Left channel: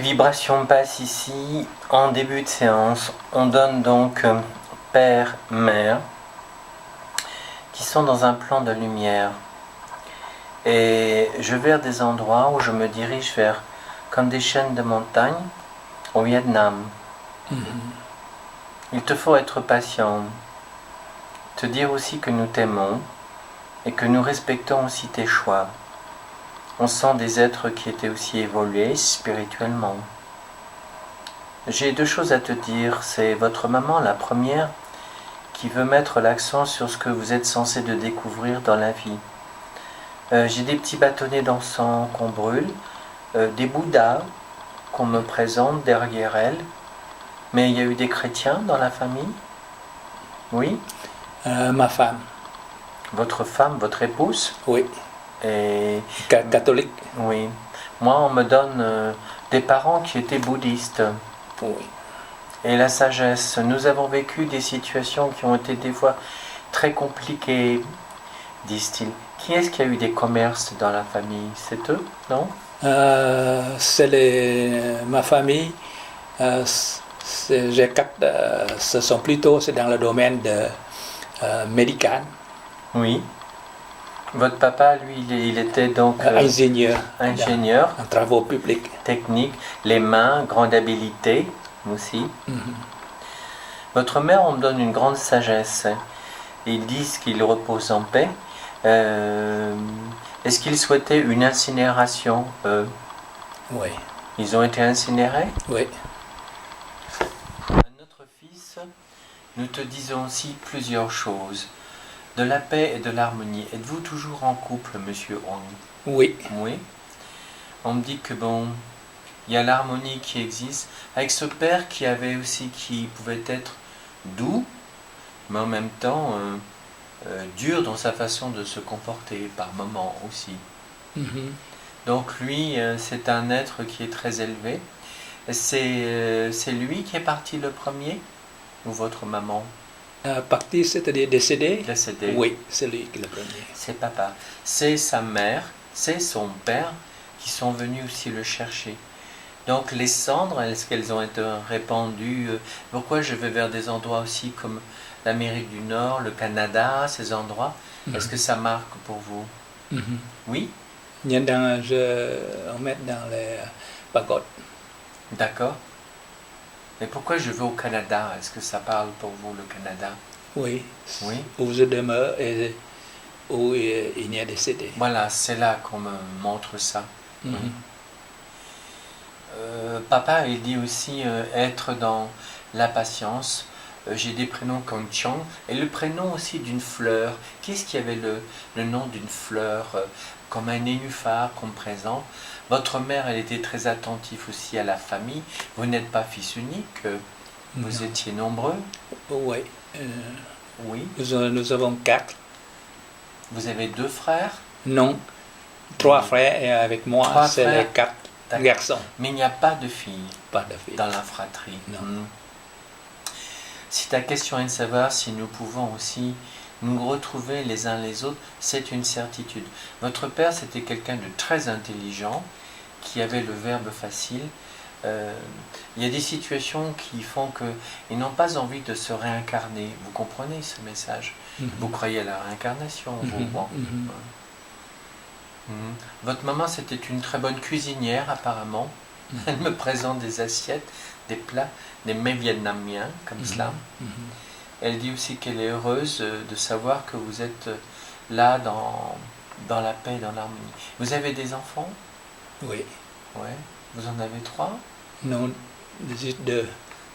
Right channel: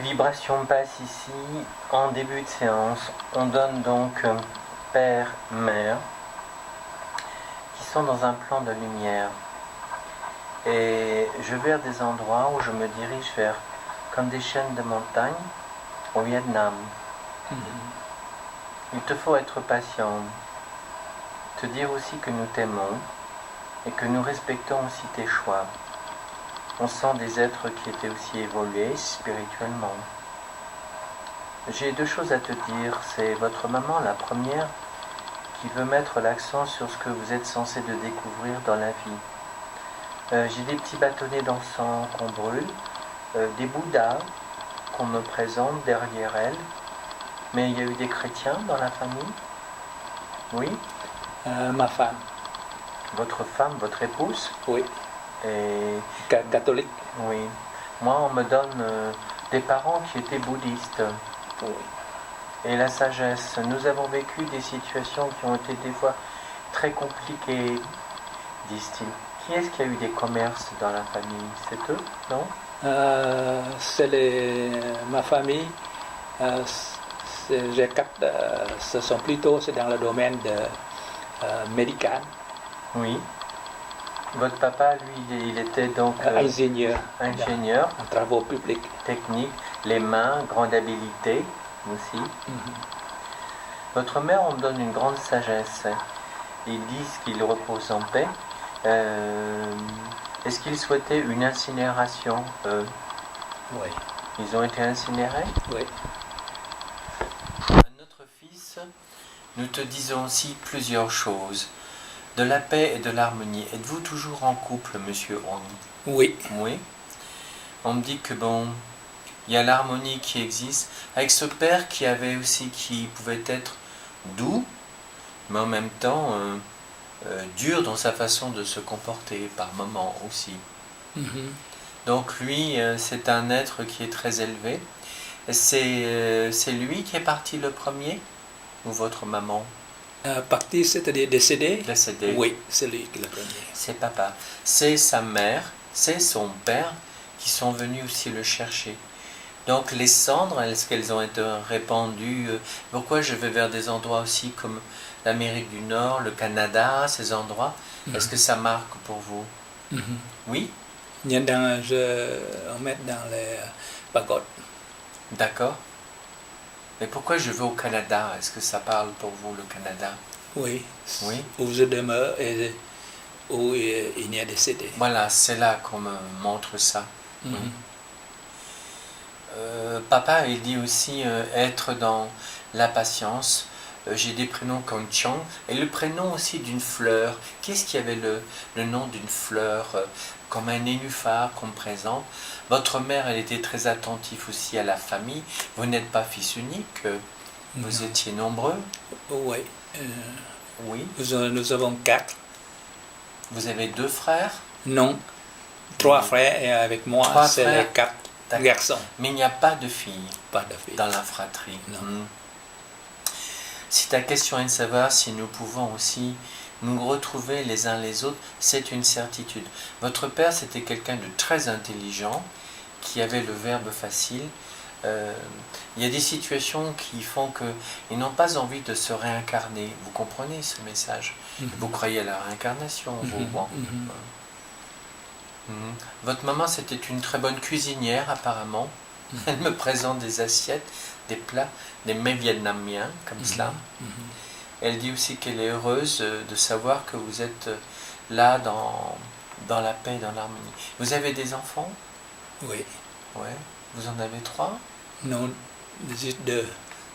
Vibration basse ici. En début de séance, on donne donc père, mère, qui sont dans un plan de lumière. Et je vais vers des endroits où je me dirige vers comme des chaînes de montagnes au Vietnam. Il te faut être patient, te dire aussi que nous t'aimons et que nous respectons aussi tes choix. On sent des êtres qui étaient aussi évolués spirituellement. J'ai deux choses à te dire. C'est votre maman, la première, qui veut mettre l'accent sur ce que vous êtes censé de découvrir dans la vie. J'ai des petits bâtonnets d'encens qu'on brûle, des bouddhas qu'on me présente derrière elle. Mais il y a eu des chrétiens dans la famille? Oui? Ma femme, Votre femme, votre épouse? oui, Et catholique, oui. Moi, on me donne des parents qui étaient bouddhistes. oui. Et la sagesse. Nous avons vécu des situations qui ont été des fois très compliquées, disent-ils. Qui est-ce qui a eu des commerces dans la famille? C'est eux, non? Ma famille, ce sont plutôt c'est dans le domaine médical, Oui. Votre papa, lui, il était donc ingénieur, en travaux publics. technique, les mains, grande habileté aussi. Votre mère, on me donne une grande sagesse. Ils disent qu'il repose en paix. Est-ce qu'ils souhaitaient une incinération, eux? Oui, Ils ont été incinérés? oui. À notre fils, nous te disons aussi plusieurs choses. De la paix et de l'harmonie. Êtes-vous toujours en couple, monsieur Hong? Oui, Oui. On me dit que bon, il y a l'harmonie qui existe, avec ce père qui pouvait être doux, mais en même temps dur dans sa façon de se comporter par moments aussi. Donc lui, c'est un être qui est très élevé. C'est lui qui est parti le premier, ou votre maman? parti, c'est-à-dire décédé. Décédé. Oui, c'est lui qui est le premier. C'est papa. C'est sa mère, c'est son père qui sont venus aussi le chercher. Donc les cendres, est-ce qu'elles ont été répandues? Pourquoi je vais vers des endroits aussi comme l'Amérique du Nord, le Canada, ces endroits? Est-ce que ça marque pour vous? Oui? On met dans les pagodes. D'accord. Mais pourquoi je vais au Canada? Est-ce que ça parle pour vous, le Canada? Oui, Oui. où je demeure et où il y a décédé. Voilà, c'est là qu'on me montre ça. Oui. Papa, il dit aussi être dans la patience. J'ai des prénoms comme Chang et le prénom aussi d'une fleur. Qu'est-ce qui avait le nom d'une fleur comme un nénuphar qu'on me présente? Votre mère, elle était très attentive aussi à la famille. Vous n'êtes pas fils unique, vous étiez nombreux. Oui. Oui. Nous avons 4. Vous avez 2 frères? Non, 3 frères et avec moi, 3 c'est frères. les 4 D'accord. garçons. Mais il n'y a pas de filles Pas de filles. dans la fratrie. Non. Si ta question est de savoir si nous pouvons aussi nous retrouver les uns les autres, c'est une certitude. Votre père, c'était quelqu'un de très intelligent, qui avait le verbe facile. Il y a des situations qui font qu'ils n'ont pas envie de se réincarner. Vous comprenez ce message? Vous croyez à la réincarnation, vous? Bon. Votre maman, c'était une très bonne cuisinière, apparemment. Elle me présente des assiettes, des plats, des mets vietnamiens, comme cela. Elle dit aussi qu'elle est heureuse de savoir que vous êtes là dans la paix, dans l'harmonie. Vous avez des enfants? Oui. Ouais. Vous en avez 3? Non, juste 2.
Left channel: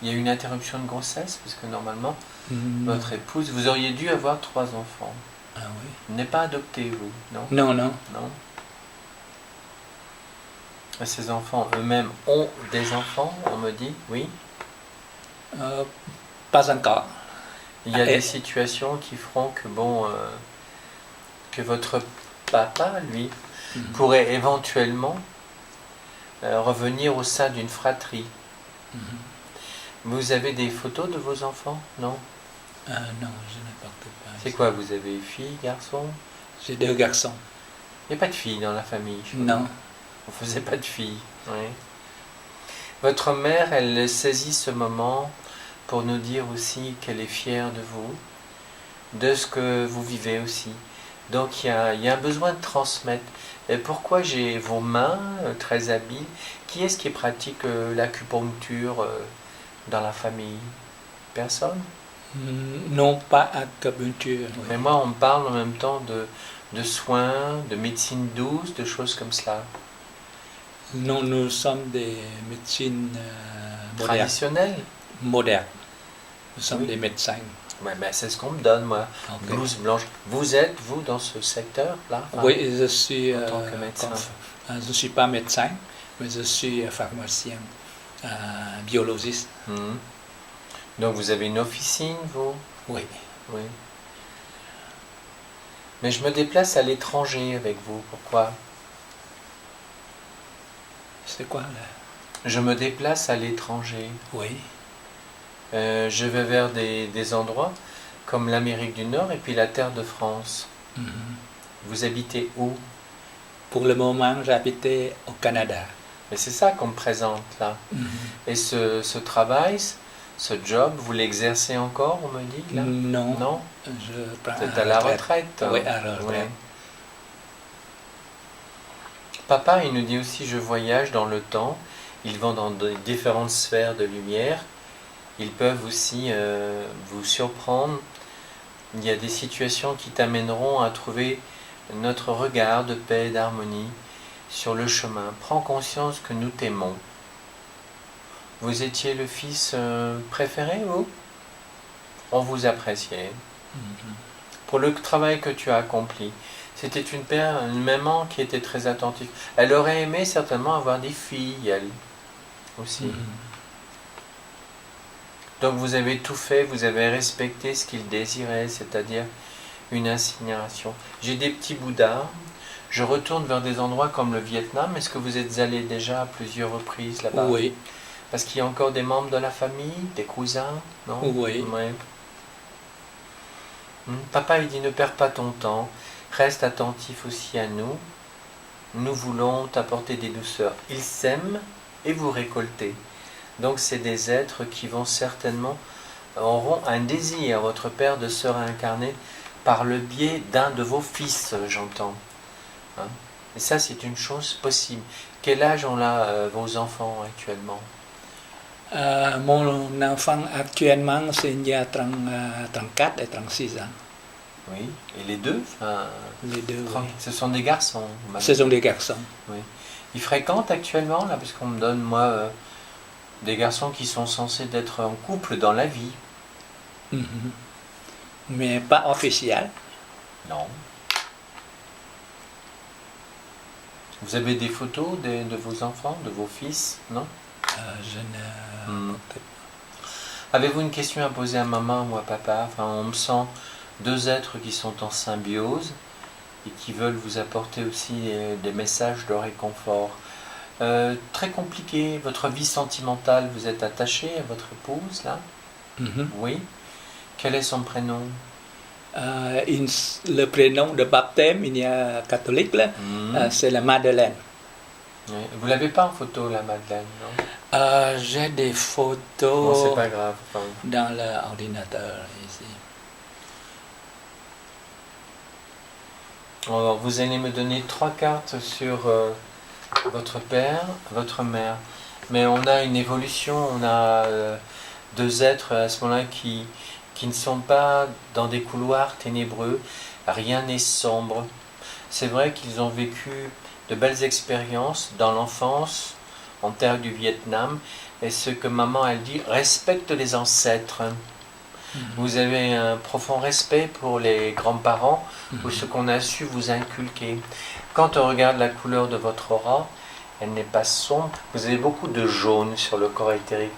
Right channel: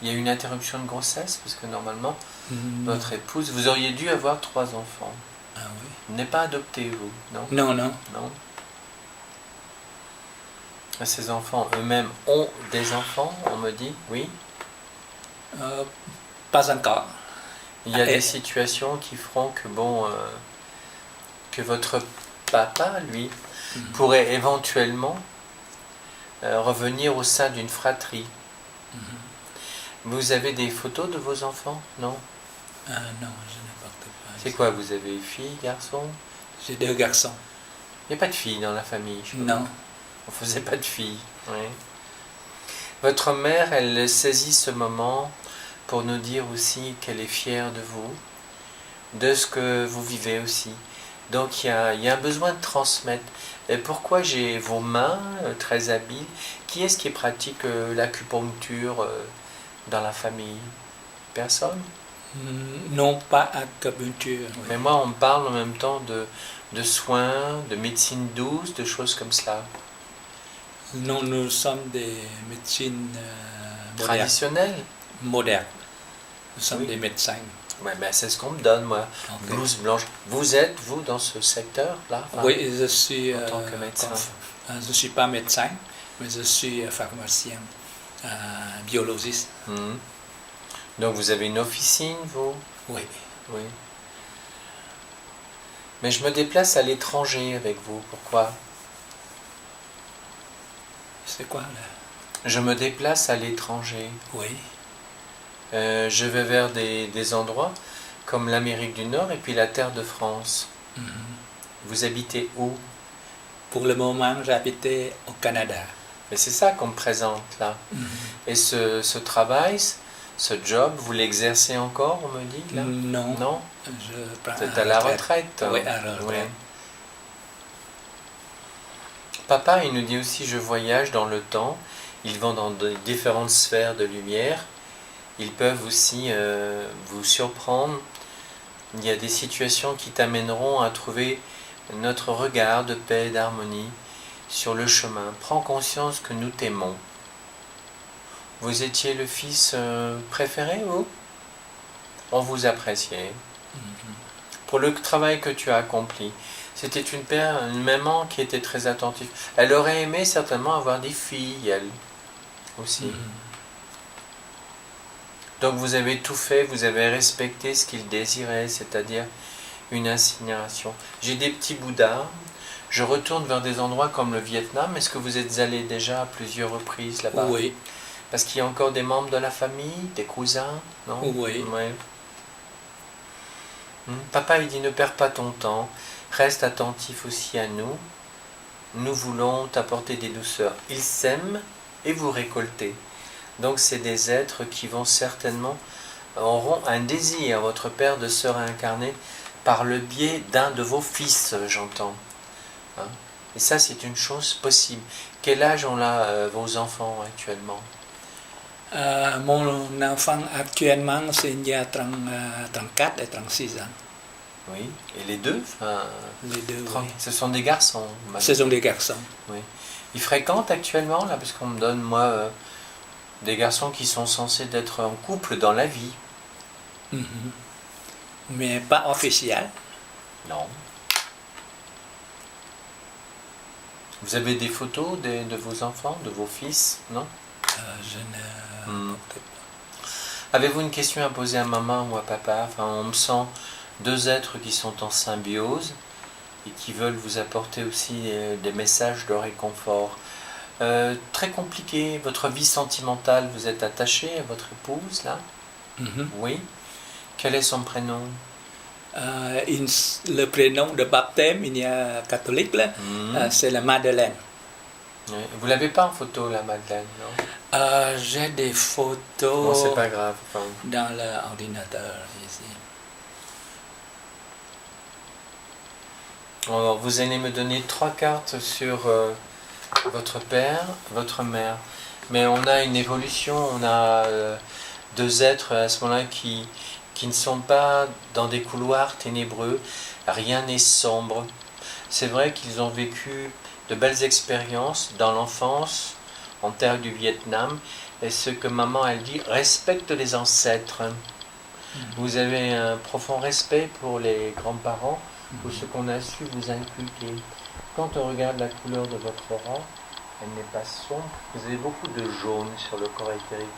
Il y a eu une interruption de grossesse, parce que normalement, votre épouse, vous auriez dû avoir 3 enfants. Ah oui. Vous n'êtes pas adopté, vous, non? Non, non. Non. Ces enfants eux-mêmes ont des enfants, on me dit, oui. Pas encore. Il y a des situations qui feront que, bon, que votre papa, lui, pourrait éventuellement revenir au sein d'une fratrie. Vous avez des photos de vos enfants, non? Non, je n'ai pas. C'est quoi, vous avez filles, garçons? J'ai 2 garçons. Il n'y a pas de filles dans la famille? Non. On faisait pas de filles, oui. Votre mère, elle saisit ce moment pour nous dire aussi qu'elle est fière de vous, de ce que vous vivez aussi. Donc il y a un besoin de transmettre. Et pourquoi j'ai vos mains très habiles? Qui est-ce qui pratique l'acupuncture dans la famille? Personne? Non, pas acupuncture. Oui. Mais moi, on me parle en même temps de soins, de médecine douce, de choses comme cela. Non, nous sommes des médecines modernes. Traditionnelles? Modernes. Nous sommes Oui. des médecins. Ouais, ben c'est ce qu'on me donne, moi. Ok. Blouse blanche. Vous êtes, vous, dans ce secteur-là? Enfin, Oui, je suis. en tant que médecin. Je ne suis pas médecin, mais je suis pharmacien, biologiste. Donc vous avez une officine, vous? Oui. Oui. Mais je me déplace à l'étranger avec vous. Pourquoi? C'est quoi là? Je me déplace à l'étranger. Oui. Je vais vers des endroits comme l'Amérique du Nord et puis la terre de France. Vous habitez où? Pour le moment, j'habitais au Canada. Mais c'est ça qu'on me présente là. Et ce travail, ce job, vous l'exercez encore, on me dit là? Non. Non? Je prends Vous êtes à la retraite. Oui, à la retraite. Ouais. Papa, il nous dit aussi, je voyage dans le temps. Ils vont dans différentes sphères de lumière. Ils peuvent aussi vous surprendre. Il y a des situations qui t'amèneront à trouver notre regard de paix et d'harmonie sur le chemin. Prends conscience que nous t'aimons. Vous étiez le fils préféré, vous? On vous appréciait. Pour le travail que tu as accompli. C'était une maman qui était très attentive. Elle aurait aimé certainement avoir des filles, elle aussi. Donc vous avez tout fait, vous avez respecté ce qu'il désirait, c'est-à-dire une incinération. J'ai des petits Bouddhas, je retourne vers des endroits comme le Vietnam. Est-ce que vous êtes allé déjà à plusieurs reprises là-bas? Oui. Parce qu'il y a encore des membres de la famille, des cousins, non? Oui. Ouais. Papa, il dit, ne perds pas ton temps, reste attentif aussi à nous. Nous voulons t'apporter des douceurs. Ils s'aiment et vous récoltez. Donc c'est des êtres qui vont certainement, auront un désir, votre père, de se réincarner par le biais d'un de vos fils, j'entends. Hein? Et ça, c'est une chose possible. Quel âge ont là vos enfants actuellement? Mon enfant actuellement, c'est il y a 34 et 36 ans. Oui, et les deux, Les deux, oui. ce sont des garçons. Ce sont des garçons. Oui. Ils fréquentent actuellement, là, parce qu'on me donne, moi, des garçons qui sont censés être en couple dans la vie. Mais pas officiel. Non. Vous avez des photos de vos enfants, de vos fils, non? Je ne peut-être pas. Avez-vous une question à poser à maman ou à papa? Enfin, on me sent deux êtres qui sont en symbiose et qui veulent vous apporter aussi des messages de réconfort. Très compliqué, votre vie sentimentale, vous êtes attaché à votre épouse, là? Oui. Quel est son prénom? Le prénom de baptême, il y a catholique, là, c'est la Madeleine. Oui. Vous l'avez pas en photo, la Madeleine, non? J'ai des Bon, photos c'est pas grave. Enfin, dans l'ordinateur ici. alors, vous allez me donner 3 cartes sur votre père, votre mère. Mais on a une évolution, on a deux êtres à ce moment-là qui ne sont pas dans des couloirs ténébreux. Rien n'est sombre. C'est vrai qu'ils ont vécu de belles expériences dans l'enfance, en terre du Vietnam. Et ce que maman, elle dit, respecte les ancêtres. Vous avez un profond respect pour les grands-parents ou ce qu'on a su vous inculquer. Quand on regarde la couleur de votre aura, elle n'est pas sombre. Vous avez beaucoup de jaune sur le corps éthérique.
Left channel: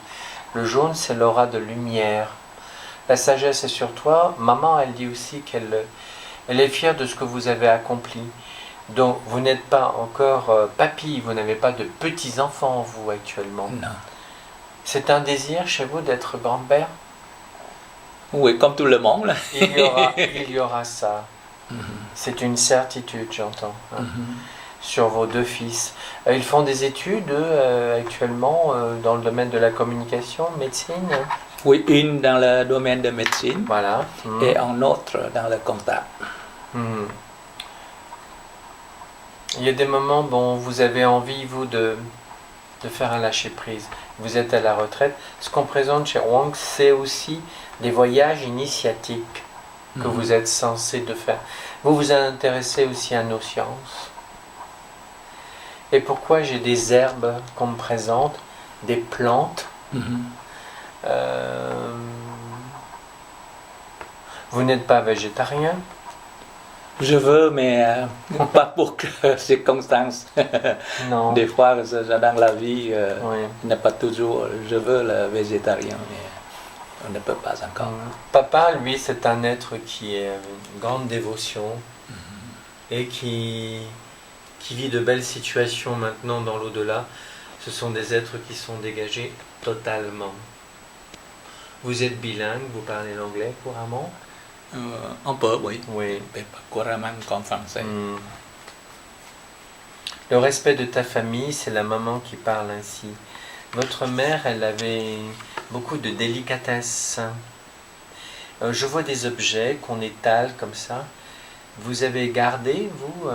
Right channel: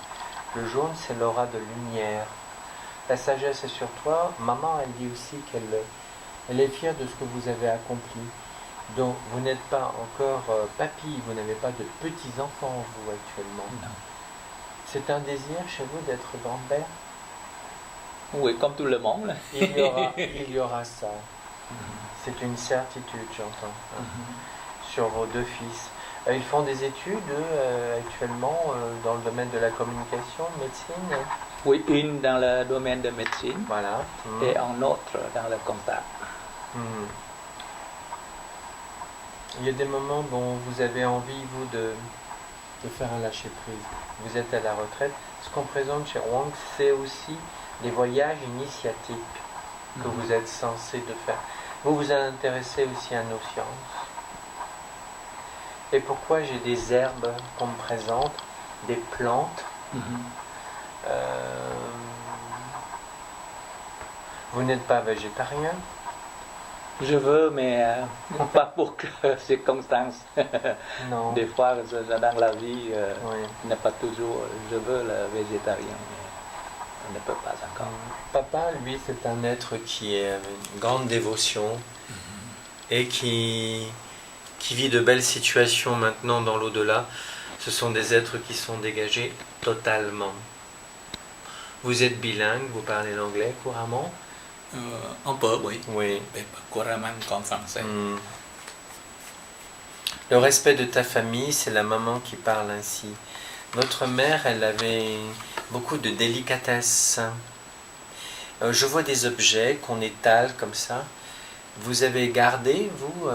Le jaune, c'est l'aura de lumière. La sagesse est sur toi. Maman, elle dit aussi qu'elle est fière de ce que vous avez accompli. Donc, vous n'êtes pas encore papy, vous n'avez pas de petits-enfants, vous, actuellement. Non. C'est un désir chez vous d'être grand-père? Oui, comme tout le monde. Là. Il y aura ça. C'est une certitude, j'entends. sur vos deux fils. Ils font des études actuellement dans le domaine de la communication, médecine. Oui, une dans le domaine de médecine Voilà. et un autre dans le comptable. Mhm. Il y a des moments, bon, vous avez envie, vous, de faire un lâcher-prise. Vous êtes à la retraite. Ce qu'on présente chez Wang, c'est aussi des voyages initiatiques que vous êtes censé de faire. Vous vous intéressez aussi à nos sciences. Et pourquoi j'ai des herbes qu'on me présente, des plantes Vous n'êtes pas végétarien? Je veux, mais pas pour que circonstances. Non. Des fois, dans la vie, Oui. il n'est pas toujours. Je veux le végétarien, mais on ne peut pas encore. Papa, lui, c'est un être qui a une grande dévotion et qui vit de belles situations maintenant dans l'au-delà. Ce sont des êtres qui sont dégagés totalement. Vous êtes bilingue, vous parlez l'anglais couramment? Un peu, oui. Oui. Mais pas couramment comme français. Le respect de ta famille, c'est la maman qui parle ainsi. Votre mère, elle avait beaucoup de délicatesse. Je vois des objets qu'on étale comme ça. Vous avez gardé, vous,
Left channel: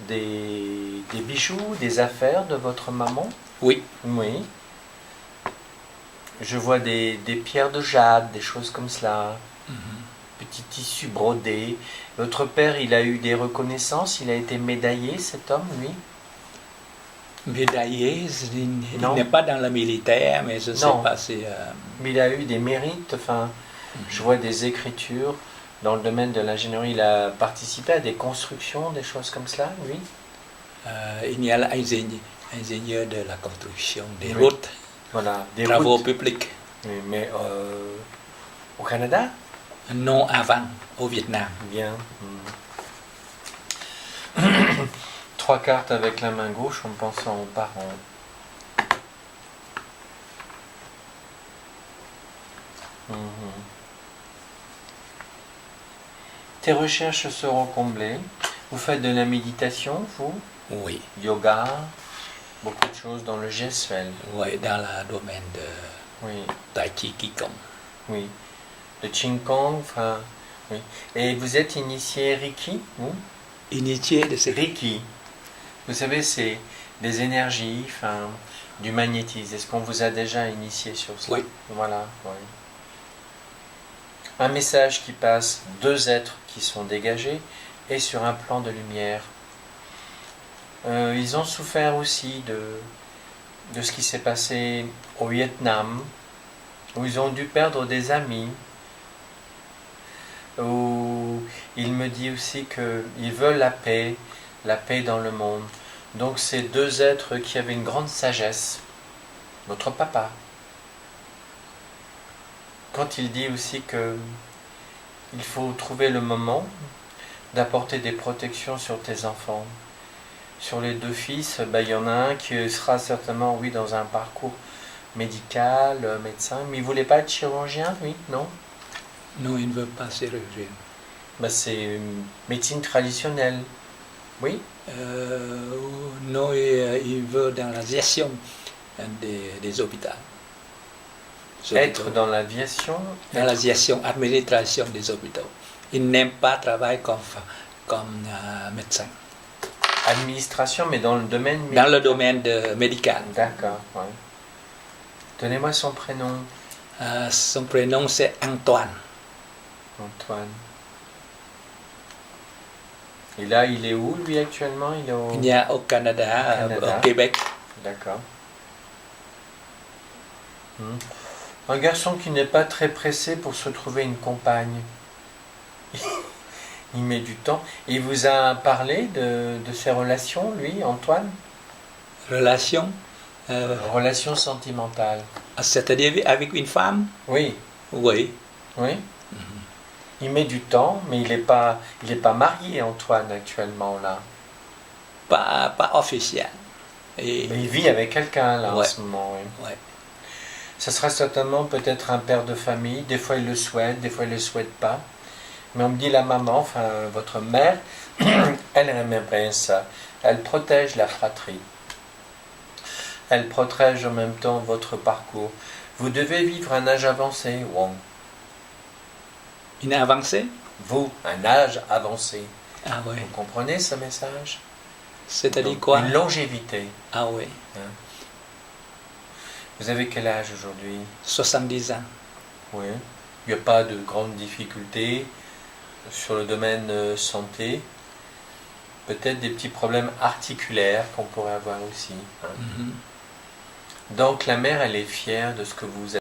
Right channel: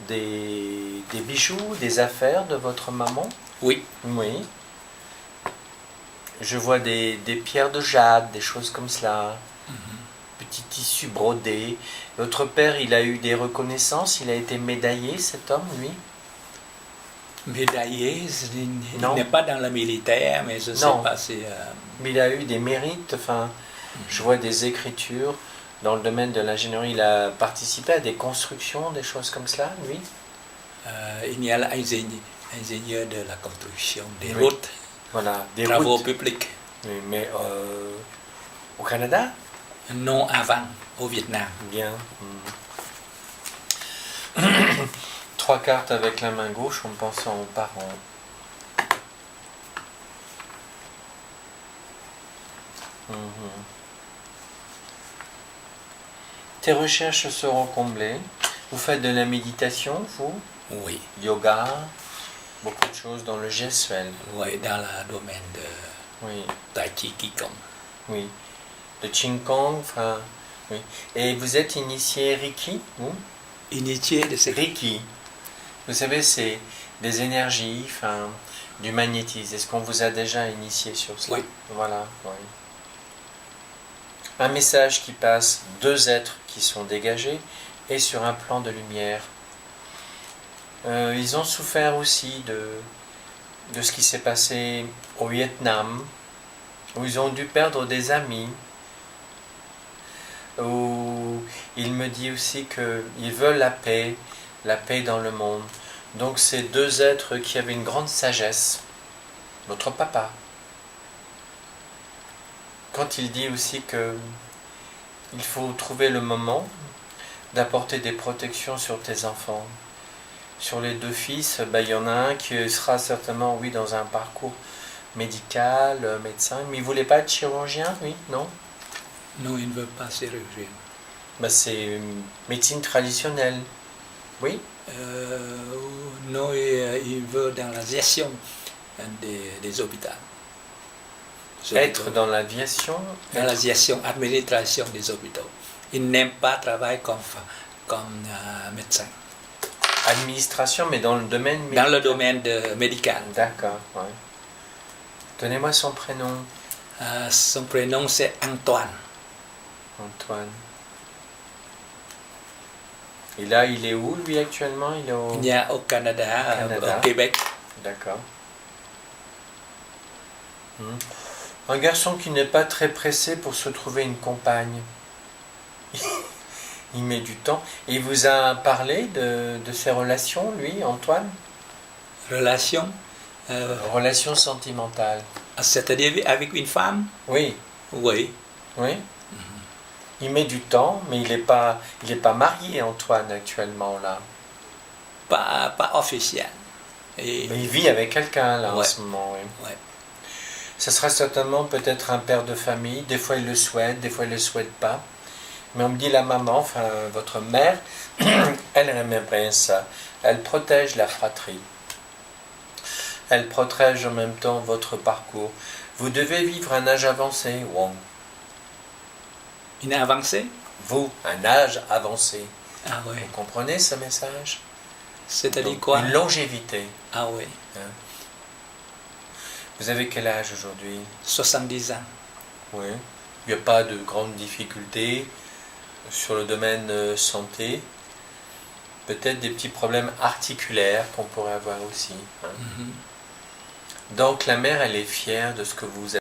des bijoux, des affaires de votre maman? Oui. Oui. Je vois des pierres de jade, des choses comme cela. Petits tissus brodés. Votre père, il a eu des reconnaissances, il a été médaillé, cet homme, lui? Médaillé, il n'est pas dans le militaire, mais je ne sais pas si... Mais il a eu des mérites, enfin, je vois des écritures. Dans le domaine de l'ingénierie, il a participé à des constructions, des choses comme cela, lui? Il y a l'ingénieur de la construction des routes, voilà, des travaux routes. publics. Oui, mais au Canada? Non, avant, au Vietnam. Bien. 3 cartes avec la main gauche en pensant aux parents. Tes recherches seront comblées. Vous faites de la méditation, vous? Oui. Yoga, beaucoup de choses dans le gestuel. Oui, dans le domaine de Tai Chi Qigong. Oui. De Qigong, enfin, oui. Et vous êtes initié Reiki, vous? Initié de ces... Reiki. Vous savez, c'est des énergies, enfin, du magnétisme. Est-ce qu'on vous a déjà initié sur cela? Oui. Voilà, oui. Un message qui passe, 2 êtres qui sont dégagés et sur un plan de lumière. Ils ont souffert aussi de ce qui s'est passé au Vietnam, où ils ont dû perdre des amis, où il me dit aussi qu'ils veulent la paix dans le monde. Donc ces 2 êtres qui avaient une grande sagesse, votre papa, quand il dit aussi qu'il faut trouver le moment d'apporter des protections sur tes enfants. Sur les 2 fils, il y en a un qui sera certainement, oui, dans un parcours médical, médecin, mais il ne voulait pas être chirurgien, lui, non? Non, il ne veut pas chirurgien. C'est une médecine traditionnelle, oui? Non, il veut dans la gestion des hôpitaux. Être dans l'aviation? Dans la gestion, administration des hôpitaux. Il n'aime pas travailler comme médecin. Administration, mais dans le domaine médical. Dans le domaine médical. D'accord, ouais. Donnez-moi son prénom. Son prénom, c'est Antoine. Antoine. Et là, il est où, lui, actuellement? Il est au Canada, au Québec. D'accord. Un garçon qui n'est pas très pressé pour se trouver une compagne. Il met du temps. Et il vous a parlé de ses relations, lui, Antoine? Relations Relations sentimentales. C'est-à-dire avec une femme? Oui. Oui. Oui. Il met du temps, mais il n'est pas marié, Antoine, actuellement, là. Pas officiel. Et il vit avec quelqu'un, là, en ce moment, oui. Ouais. Ça sera certainement peut-être un père de famille. Des fois, il le souhaite, des fois, il ne le souhaite pas. Mais on me dit la maman, enfin, votre mère, elle aimerait bien ça. Elle protège la fratrie. Elle protège en même temps votre parcours. Vous devez vivre un âge avancé, Wong. Une avancée? Vous, un âge avancé. Ah oui. Vous comprenez ce message? C'est-à-dire Donc, quoi? une longévité. Ah oui. Hein? Vous avez quel âge aujourd'hui? 70 ans. Oui. Il n'y a pas de grandes difficultés sur le domaine santé. Peut-être des petits problèmes articulaires qu'on pourrait avoir aussi. Hein. Mhm. Donc la mère, elle est fière de ce que vous avez.